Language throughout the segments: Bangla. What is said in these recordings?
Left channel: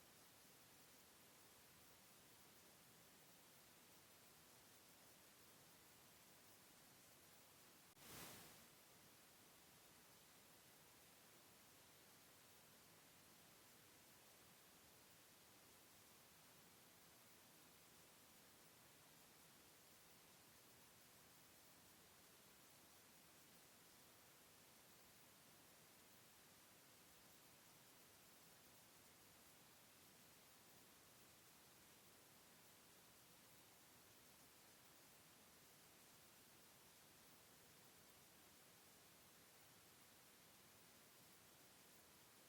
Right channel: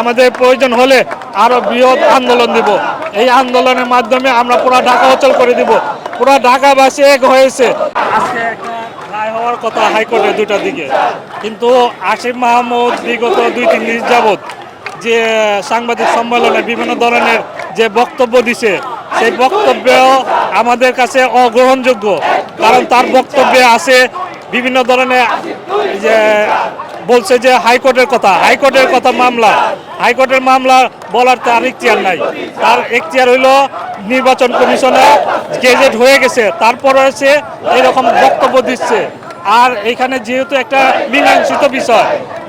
আমাদের প্রয়োজন হলে আরো বৃহৎ আন্দোলন দিব। এই আন্দোলনের মাধ্যমে আমরা পুরো ঢাকা অচল করে দিব। পুরো ঢাকাবাসী এক হয়েছে। আজকে একটা রায় হওয়ার কথা হাইকোর্টে 2টার দিকে, কিন্তু আসিফ মাহমুদ বিগত 2-3 দিন যাবৎ যে সাংবাদিক সম্মেলনে বিভিন্ন ধরনের যে বক্তব্য দিছে, সেই বক্তব্য আমাদের কাছে অগ্রহণযোগ্য। কারণ তার বক্তব্যে আছে বিভিন্ন ধরনের যে বলছে যে হাইকোর্টের কথা মামলা, হাইকোর্টের মামলা বলার তার এখতিয়ার নাই। তার এখতিয়ার হইল নির্বাচন কমিশনে গেজেট হয়ে গেছে, তারপরে সে এরকম বক্তব্য দিচ্ছে। আর এখানে যেহেতু একটা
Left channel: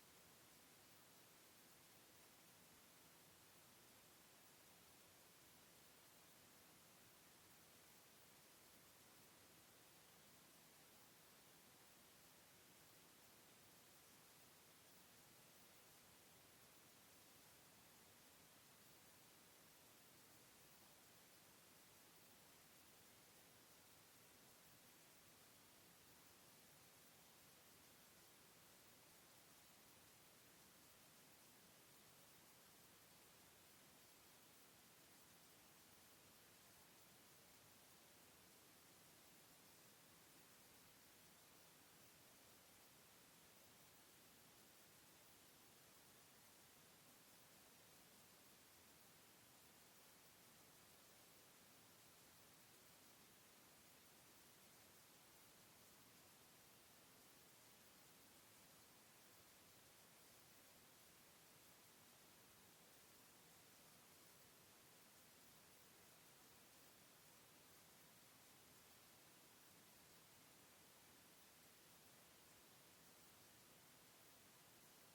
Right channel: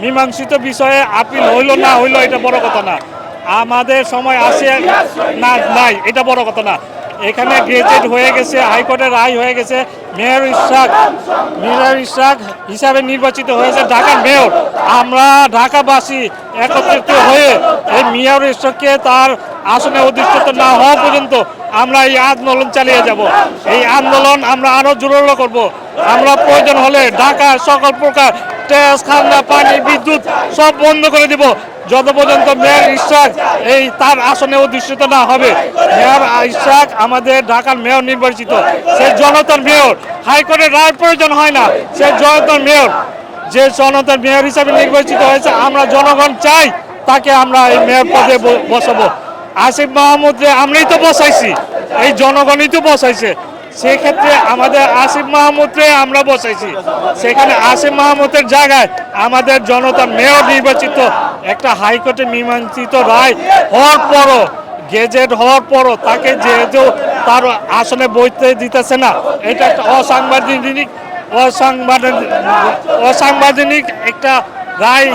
মীমাংসিত বিষয়ে আপিল হইল না হইল এটা বড় কথা না। আমাদের সময় আছে না নাই এটা বড় কথা না। এখানে গেজেট হয়ে গেছে, হাইকোর্টের রায় হয়ে গেছে। মেয়র ইশরাক হিসাবে নির্বাচিত হয়েছে ঢাকার মেয়র। আমরা ঢাকাবাসী একত্রিত হয়ে এই মেয়র ইশরাককে তার আসনে অধিষ্ঠিত না হওয়া পর্যন্ত আমরা এই আন্দোলন চালিয়ে যাব। এই আন্দোলন আমরা আরো জোরালো করব। আমরা প্রয়োজন হলে ঢাকার সকল প্রকার ট্যাক্স, খাজনা, পানি, বিদ্যুৎ সব বন্ধ করে দিব যত পর্যন্ত মেয়র ইশরাক এই তার আসনে অধিষ্ঠিত না হবে। মেয়র ইশরাক আমাদের ঢাকার মেয়র নির্বাচিত, সে জনতার মেয়র। হাইকোর্টের রায় প্রয়োজন হয় না, সে জনতার মেয়র। যে জনতার মেয়র হিসাবে নির্বাচিত হয়েছে, আমরা জনগণ চাই তাকে আমরা এই মেয়র পদে বসাবো। আসিফ মাহমুদকে আমরাই তো বসাইছি, এই জনগণই তো বসাইছে। সেক্ষেত্রে আমাদের আসিফ মাহমুদকে আমরা বসাইছি, সেখানে আসিফ মাহমুদের জায়গায় আমাদের জনতার মেয়র নির্বাচিত একটা হাইকোর্টে মীমাংসিত রায় হওয়ার পরও, গেজেট হওয়ার পরও তাকে যেহেতু তার আসনে বইতে দিতেছে না, এটা একটা অসাংবিধানিক একটা রায়।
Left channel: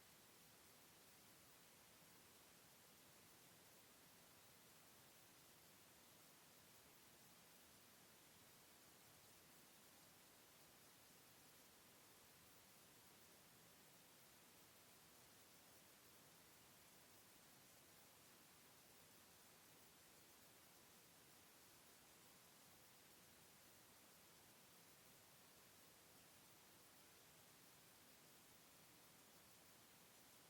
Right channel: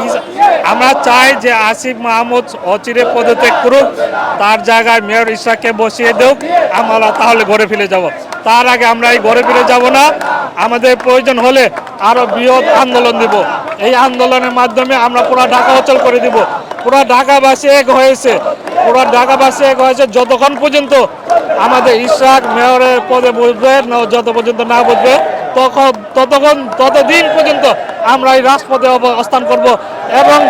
আমরা চাই যে আসিফ মাহমুদ অচিরে পদত্যাগ করুক, তার জায়গায় মেয়র ইশরাককে বসিয়ে দেওক, আমরা তাহলে ঘরে ফিরে যাব। তার আগে আমরা এই ঘরে ফিরে যাব না। আমাদের প্রয়োজন হলে আরো বৃহৎ আন্দোলন দিব। এই আন্দোলনের মাধ্যমে আমরা পুরো ঢাকা অচল করে দিব। পুরো ঢাকাবাসী এক হয়েছে, যতক্ষণ পর্যন্ত আমাদের ইশরাক মেয়রের পদে বসবে, যত পর্যন্ত না বসবে ততদিন পর্যন্ত আমরা এই রাজপথে অবস্থান করব। এবং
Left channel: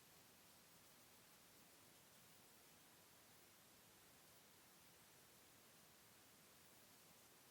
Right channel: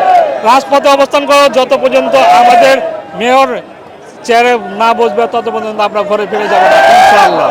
রাজপথে অবস্থান করব যত পর্যন্ত আমাদের মেয়র চেয়ারে না বসবে, তত পর্যন্ত আমরা ঘরে ফিরে যাব না, ইনশাআল্লাহ।